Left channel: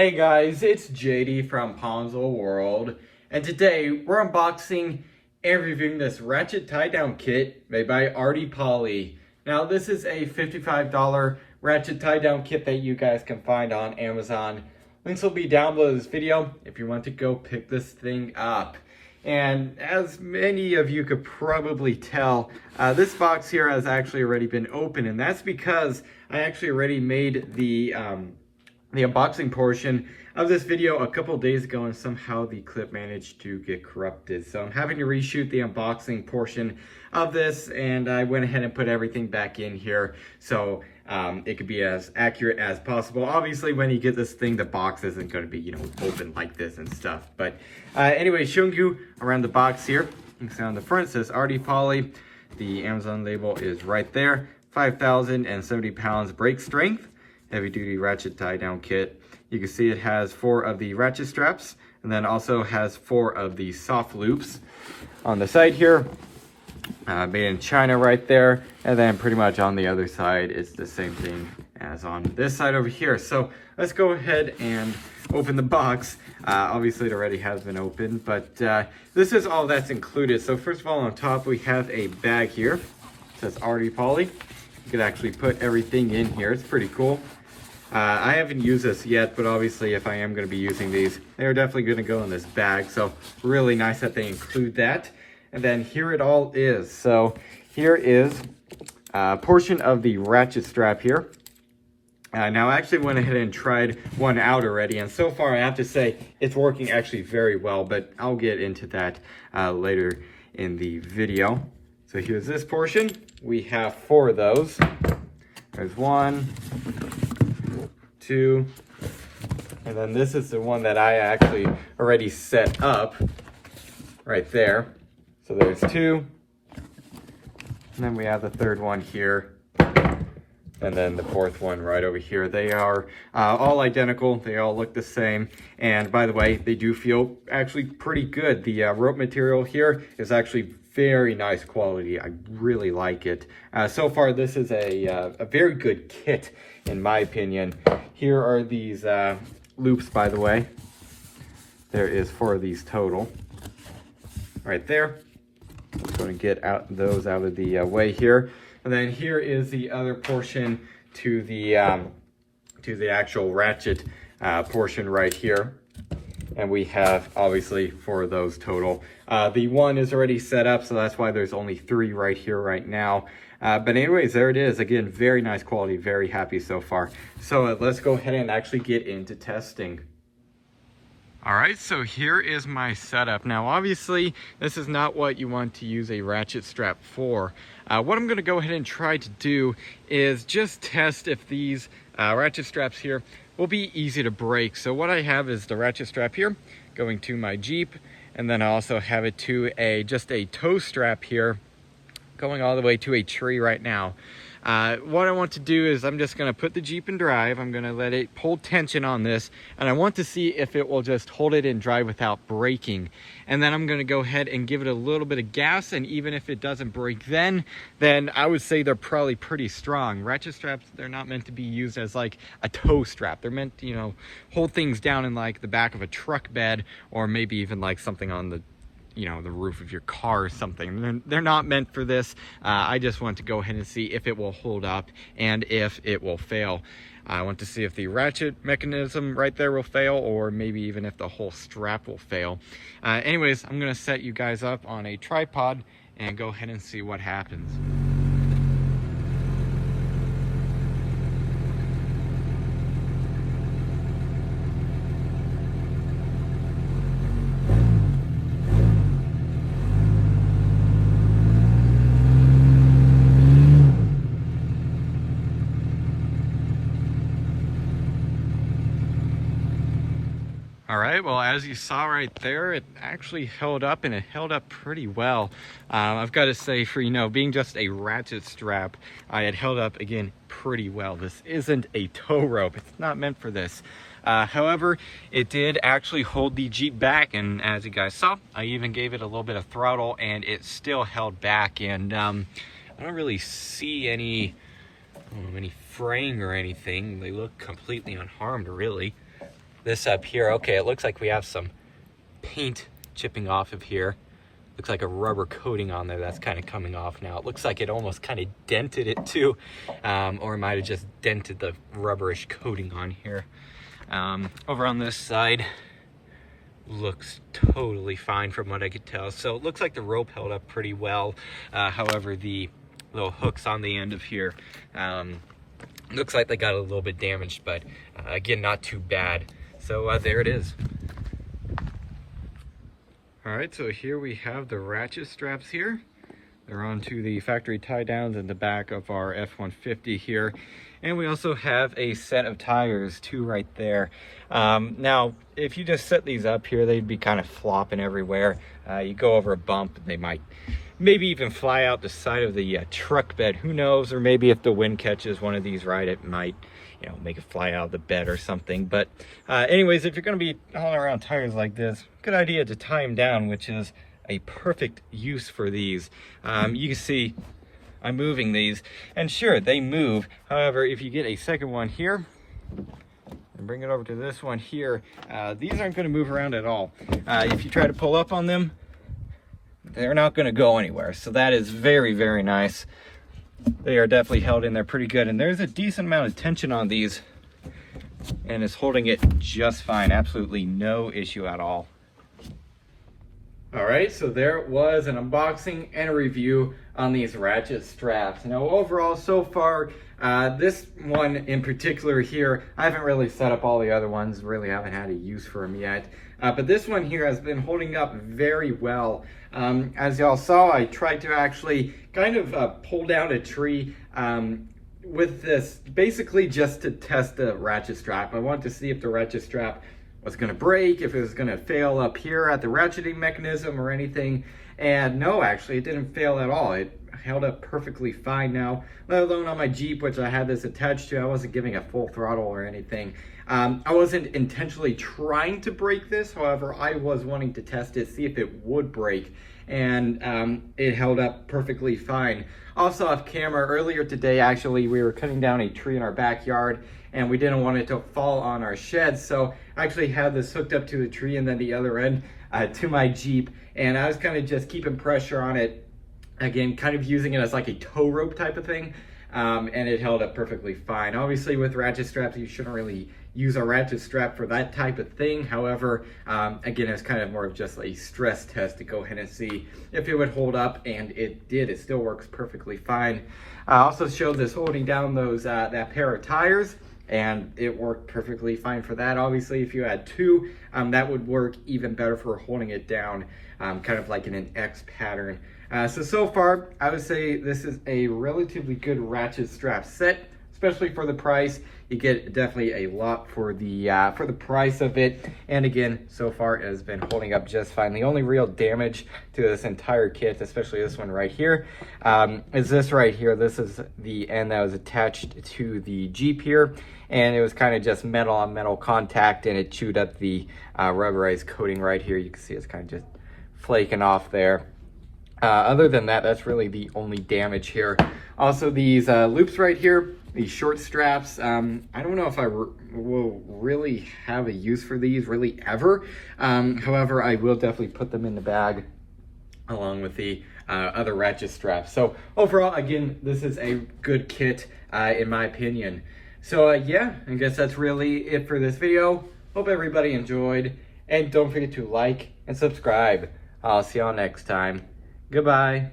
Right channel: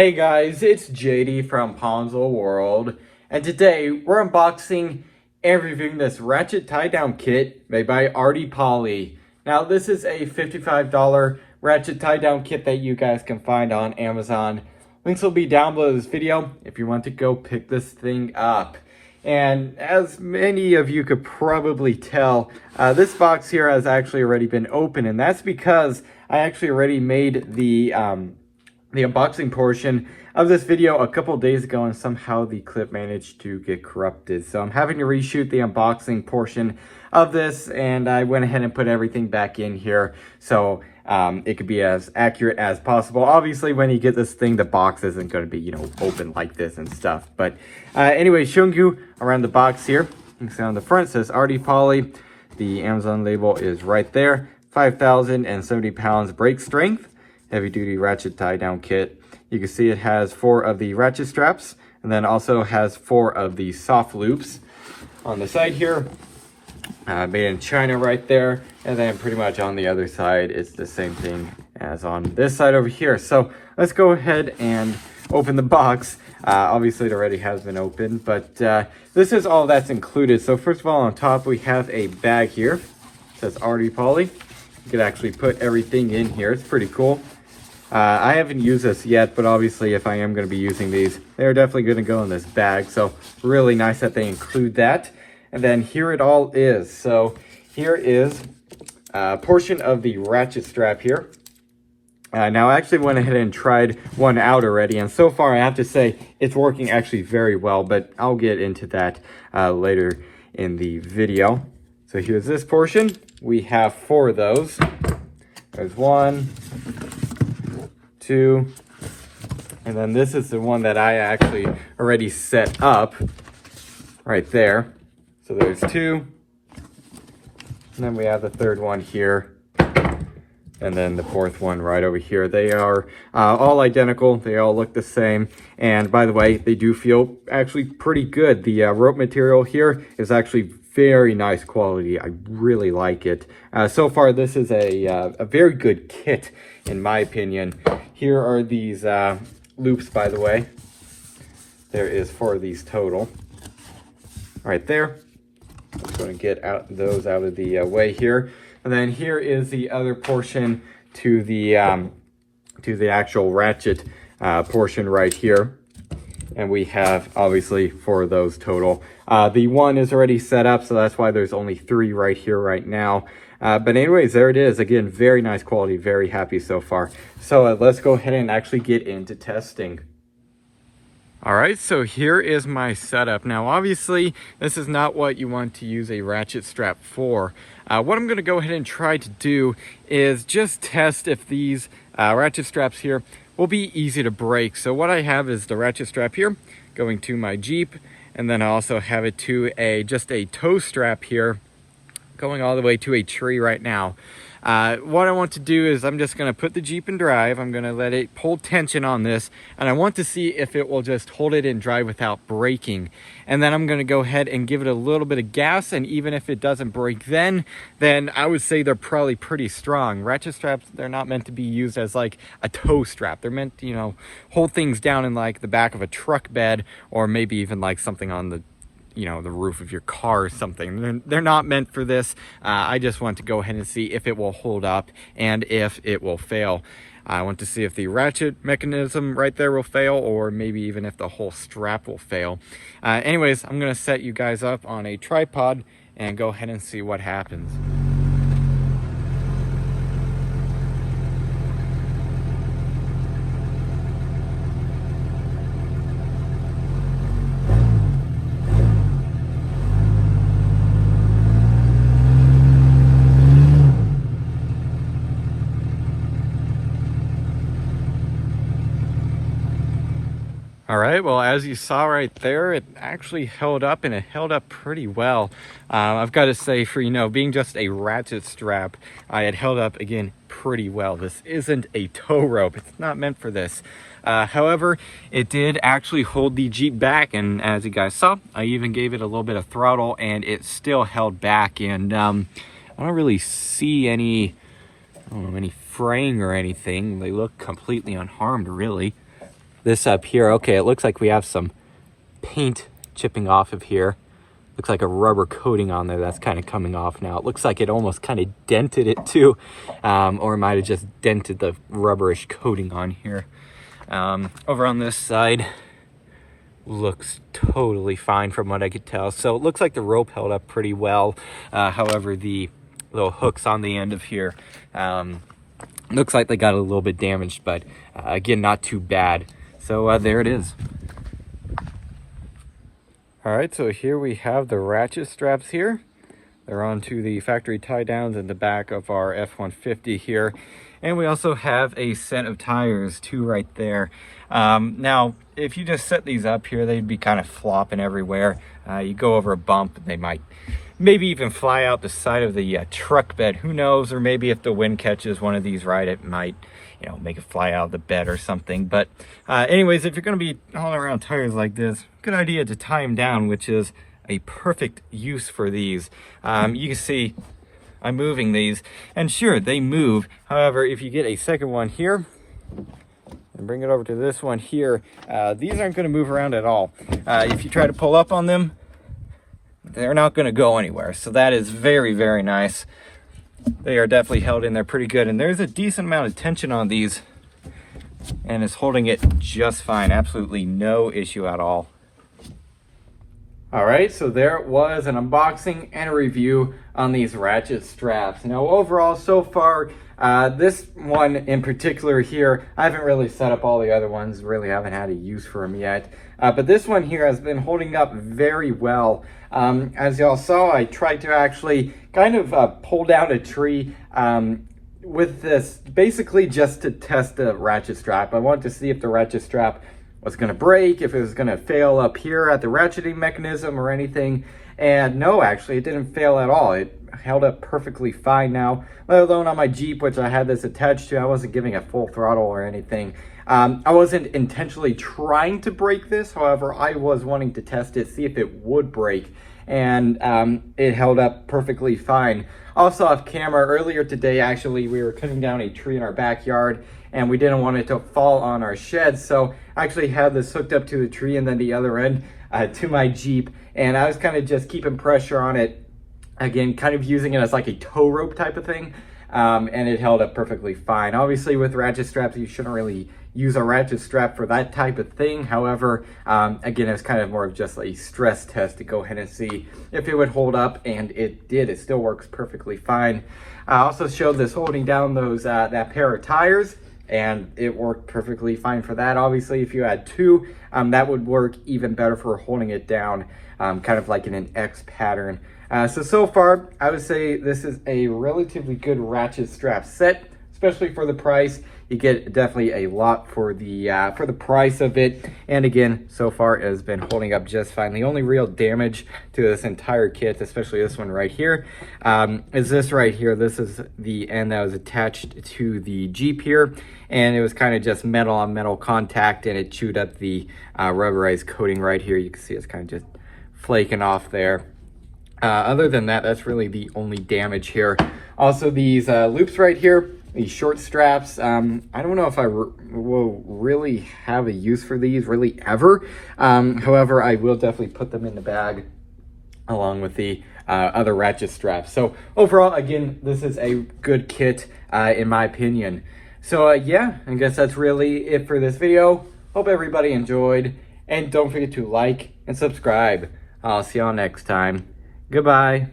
Hey guys, it's JD from Ponzel World, and today we're unboxing and reviewing this Ratchet tie-down kit made by ARTIPOly. Now this is a $55 Ratchet tie-down kit that you guys can find on Amazon. Links will be down below this video if you want to go pick this thing up. And as many of you could probably tell, this box here has actually already been opened, and that's because I actually already made the unboxing portion of this video a couple days ago, and somehow the clip managed to get corrupted. So I'm having to reshoot the unboxing portion of this, and I went ahead and put everything back in here so it could be as accurate as possible. Obviously, when you get this thing, the box isn't going to be, open like this and stuff. But anyway, showing you around the box here. You can see on the front it says ARTIPOly. The Amazon label is right there. 5,070 pounds brake strength. Heavy duty ratchet tie down kit. You can see it has 4 of the ratchet straps, and then also has 4 of the soft loops on the side here. Made in China right there, and then pretty much on the other side it's the same thing as on this side over here. So let's go ahead and open the box. Obviously it already has been opened, but this is all that's included. So first of all, on top we have a bag here. It says ARTIPOly. You could actually put everything in here. It's pretty cool. I haven't used this yet, but obviously if I am going to be using these, they're definitely going to go in this bag. So really nice that they include that. And then here it all is. So here is a portion of the ratchet strap here. Now I actually went ahead and tried one out already, and so far I have to say it's working actually very well, but I'll get into that later in the video. So here's this portion. We have 4 of those. There's 1, 2, and then this is the one that I actually already set up right there. So there's 2, and then we have the 3rd one here, and then the 4th one right over here. They are all identical. They all look the same, and by the way, they do feel actually pretty good. The rope material here is actually very nice quality. I really like it. So far, this is a very good kit, in my opinion. Here are these loops, by the way. There is 4 of these total. Right there. I'm going to get those out of the way here. And then here is the other portion to the actual ratchet portion right here. And we have obviously 4 of those total. The one is already set up, so that's why there's only 3 right here right now. But anyways, there it is. Again, very nice quality, very happy so far. So let's go ahead and actually get into testing. All right, so here is my setup. Now, obviously, this is not what you want to use a ratchet strap for. What I'm gonna go ahead and try to do is just test if these ratchet straps here will be easy to break. So what I have is the ratchet strap here going to my Jeep, and then I also have it to just a tow strap here going all the way to a tree right now. What I want to do is I'm just going to put the Jeep in drive. I'm going to let it pull tension on this, and I want to see if it will just hold it in drive without breaking. And then I'm going to go ahead and give it a little bit of gas, and even if it doesn't break then I would say they're probably pretty strong. Ratchet straps, they're not meant to be used as like a tow strap. They're meant to, hold things down in like the back of a truck bed, or maybe even like something on the the roof of your car or something. They're not meant for this. I just want to go ahead and see if it will hold up and if it will fail. I want to see if the ratchet mechanism right there will fail, or maybe even if the whole strap will fail. Anyways, I'm going to set you guys up on a tripod and go ahead and see what happens. All right, well, as you saw right there, it actually held up, and it held up pretty well. I've got to say, for, being just a ratchet strap, it held up, again, pretty well. This isn't a tow rope. It's not meant for this. However, it did actually hold the Jeep back, and as you guys saw, I even gave it a little bit of throttle, and it still held back. And I don't really see any fraying or anything. They look completely unharmed, really. this up here, okay, it looks like we have some paint chipping off of here. Looks like a rubber coating on there that's kind of coming off now. It looks like it almost kind of dented it too, or it might have just dented the rubberish coating on here. Over on this side, looks totally fine from what I could tell. So it looks like the rope held up pretty well. However, the little hooks on the end of here, looks like they got a little bit damaged, but again, not too bad. So there it is. All right, so here we have the ratchet straps here. They're onto the factory tie downs in the back of our F-150 here. And we also have a set of tires, 2 right there. Now, if you just set these up here, they'd be kind of flopping everywhere. You go over a bump, they might maybe even fly out the side of the truck bed, who knows? Or maybe if the wind catches one of these right, it might, you know, make it fly out of the bed or something. But anyways, if you're gonna be hauling around tires like this, good idea to tie them down, which is a perfect use for these. You can see I'm moving these, and sure, they move. However, if you get a second one here, and bring it over to this one here, these aren't gonna move around at all. If you try to pull up on them, they're not gonna go anywhere. So that is very, very nice. They are definitely held in there pretty good, and there's a decent amount of tension on these, and it's holding it just fine. Absolutely no issue at all. All right, so there it was, an unboxing and a review on these ratchet straps. Now overall, so far, this one in particular here, I haven't really set up all the other ones, really haven't had a use for them yet. But this one here has been holding up very well. As y'all saw, I tried to actually kind of pull down a tree with this, basically just to test the ratchet strap. I wanted to see if the ratchet strap was going to break, if it was going to fail up here at the ratcheting mechanism or anything. And no, actually, it didn't fail at all. It held up perfectly fine now, let alone on my Jeep, which I had this attached to. I wasn't giving it full throttle or anything. I wasn't intentionally trying to break this. However, I was wanting to test it, see if it would break. And it held up perfectly fine. Also off camera, earlier today, actually, we were cutting down a tree in our backyard, and we didn't want it to fall on our shed. So I actually had this hooked up to the tree and then the other end to my Jeep. And I was kind of just keeping pressure on it. Again, kind of using it as like a tow rope type of thing. And it held up perfectly fine. Obviously with ratchet straps, you shouldn't really use a ratchet strap for that type of thing. However, again, it's kind of more of just a stress test to go ahead and see if it would hold up, and it did. It still works perfectly fine. I also showed this holding down those that pair of tires, and it worked perfectly fine for that. Obviously, if you had 2, that would work even better for holding it down, kind of like in an X pattern. So far, I would say this is a relatively good ratchet strap set, especially for the price. You get definitely a lot for the price of it. And again, so far it has been holding up just fine. The only real damage to this entire kit, especially this one right here, is this right here. This is the end that was attached to the Jeep here. And it was kind of just metal on metal contact, and it chewed up the rubberized coating right here. You can see it's kind of just flaking off there. Other than that, that's really the only damage here. Also, these loops right here, these short straps, I don't know if I will really have a use for these really ever. However, I will definitely put them in the bag along with the other ratchet straps. So overall, again, this is a good kit in my opinion. So yeah, I guess that's really it for this video. Hope everybody enjoyed, and don't forget to like and subscribe. I'll see y'all next time. Goodbye.